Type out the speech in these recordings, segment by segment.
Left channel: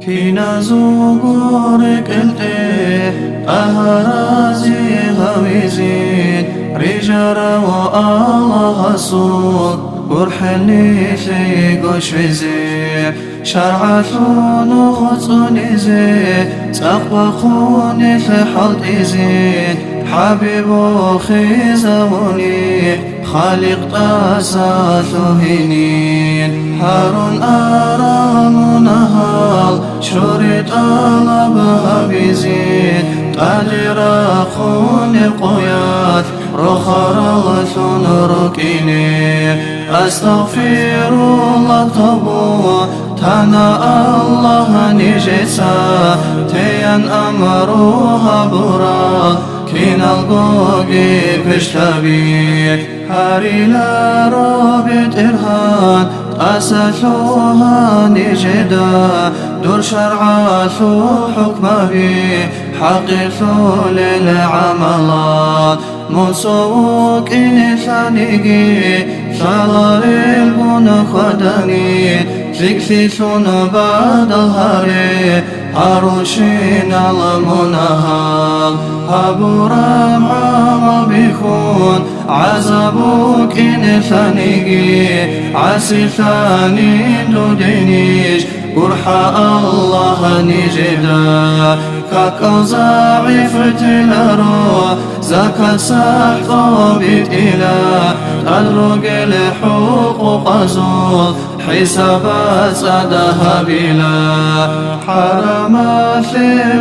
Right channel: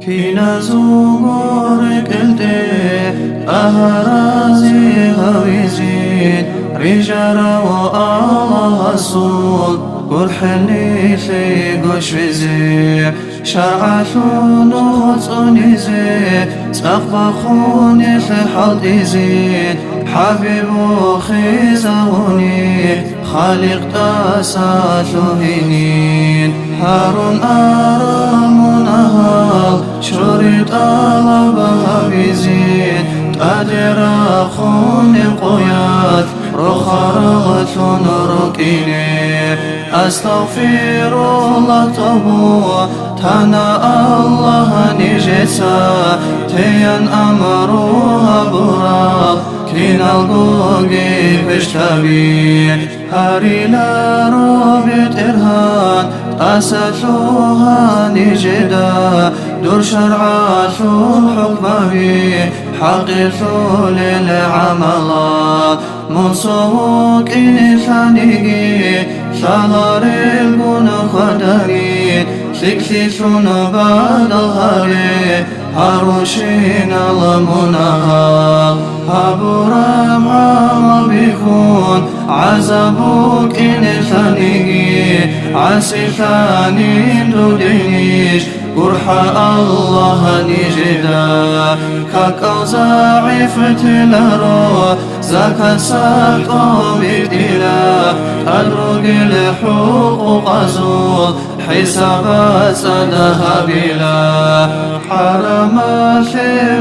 كينا زوغورك التي أهرازي هويزين رجارة والله صوت قرحني في قش وزي شرعتون خصوني زي سقبخوني في حلط إزين حبيب خيزوني خالق تاساتهنين هارون أرام نهال شريط ألبها بزين تأجر خوني قياد رخرغتون ركيني أستغفر الله تبو تانا الله نجسا تيان أمروها برا كين الغوغي كشتبي هاري لا رابط إرهان أساسوها نجدا دور شرعاتو الحكم بي حقيثو للعملات منصوك إنسانيكي شالاري البون خداني سكسيسون بعد الهاري هاروشين المنهال هابورام عمل بيخون عذابوك إنسانيكي عسيساني دودينيش قرحة الله نجدا كاكو زعيف تلارو زكا سحط بيت إله تدرق الحقوق زول حسابات سدها بلا حرم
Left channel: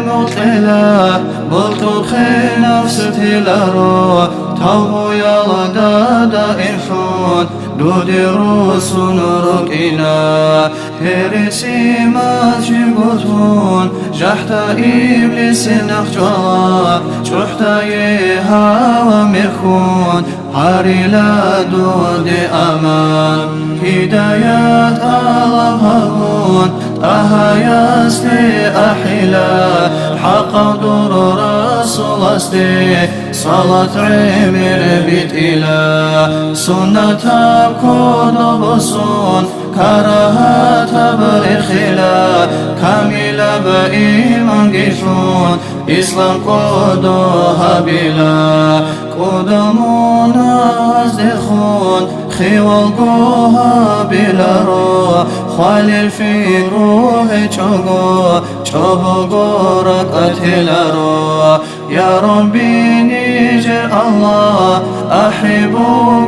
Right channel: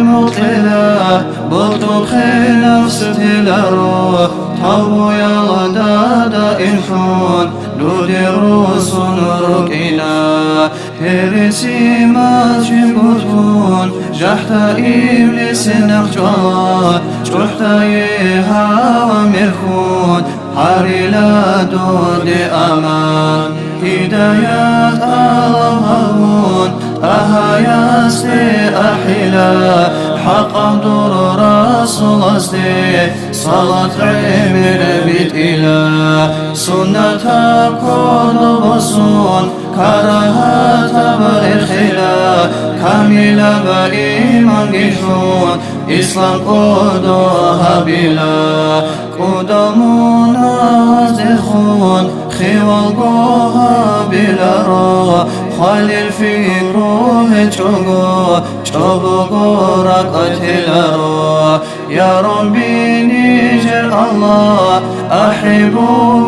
مطلع بطلق نفس تلارو تابو يلا دادا إنسان دودروس ركينا هرسي ما جبتون جحت إبليس نخجلا جحت يها ومرخون هاري لا دود أمان هدايات ألبهون أهايا استي أحلا حق دور رسول استي صلاة عمر بيت إله سنة كل بصون كراهة برخلا كاملة بإيمان قشون إسلام قدوها بلا قدمونا وزدخون خوال قوها بلا رو خالل فكرو بچوغو چوبغو رقتل رو يا ربي نجر الله أحبو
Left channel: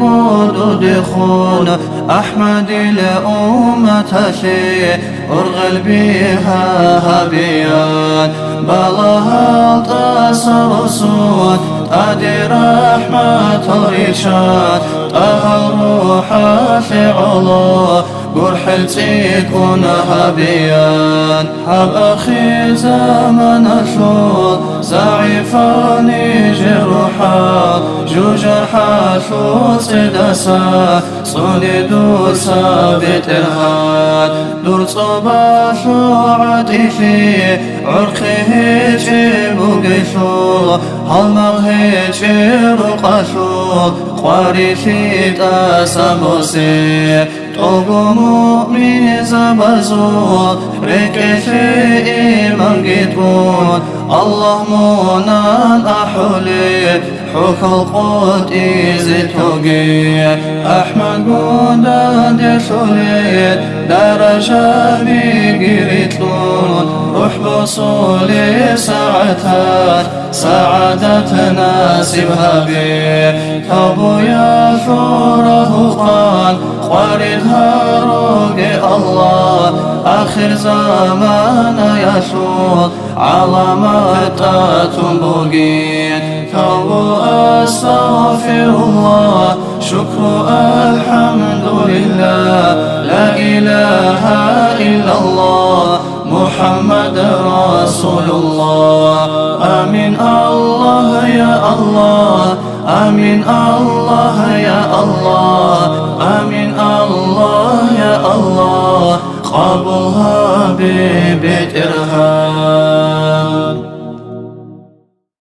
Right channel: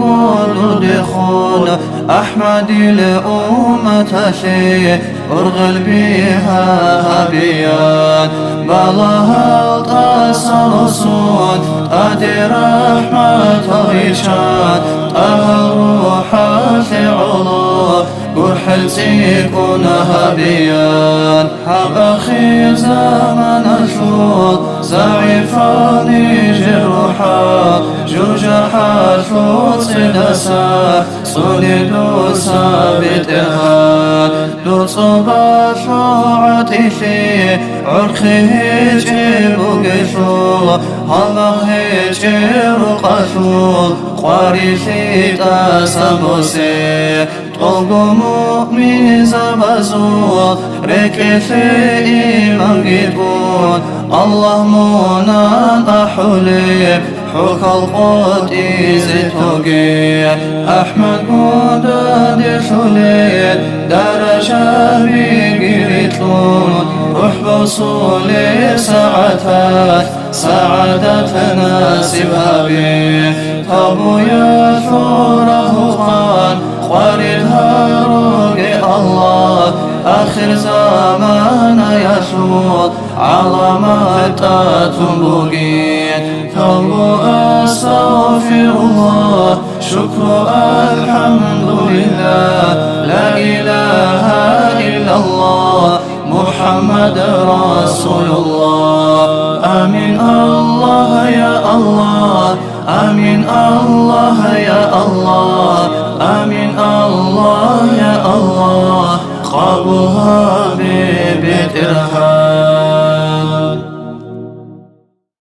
دخون أحمد الأمة شيء أرغل بها بيان بلاها التصرصون أدي رحمة ريشان طه روحا شعلا قرح تكونها بيان حب أخي زمن أشول زعيفاني جروحات جوجحات شوت سدسا صلدو سابت إرهاد دور صبا شوعت إشي عرقه جيبو قشول هالمغه جيرو قشول قوارشي تاسبوسي طوغو مؤمن زبزول ركشي إيمان قدون الله منان أحولي حك القوت إزتوغي أحمد مدد شليت درجة بقريتلون روح بصولي ساعتات سعادتنا سبها بي تابو يا شوره خان خوارد هاروغ الله آخر زمان يشول علامات تنبوغين تابو أستغفر الله شكر الحمد لله لا إله إلا الله محمد رسول الله آمين الله يا الله آمين الله يا الله آمين الله يا الله قبلها ببيت إرهاب.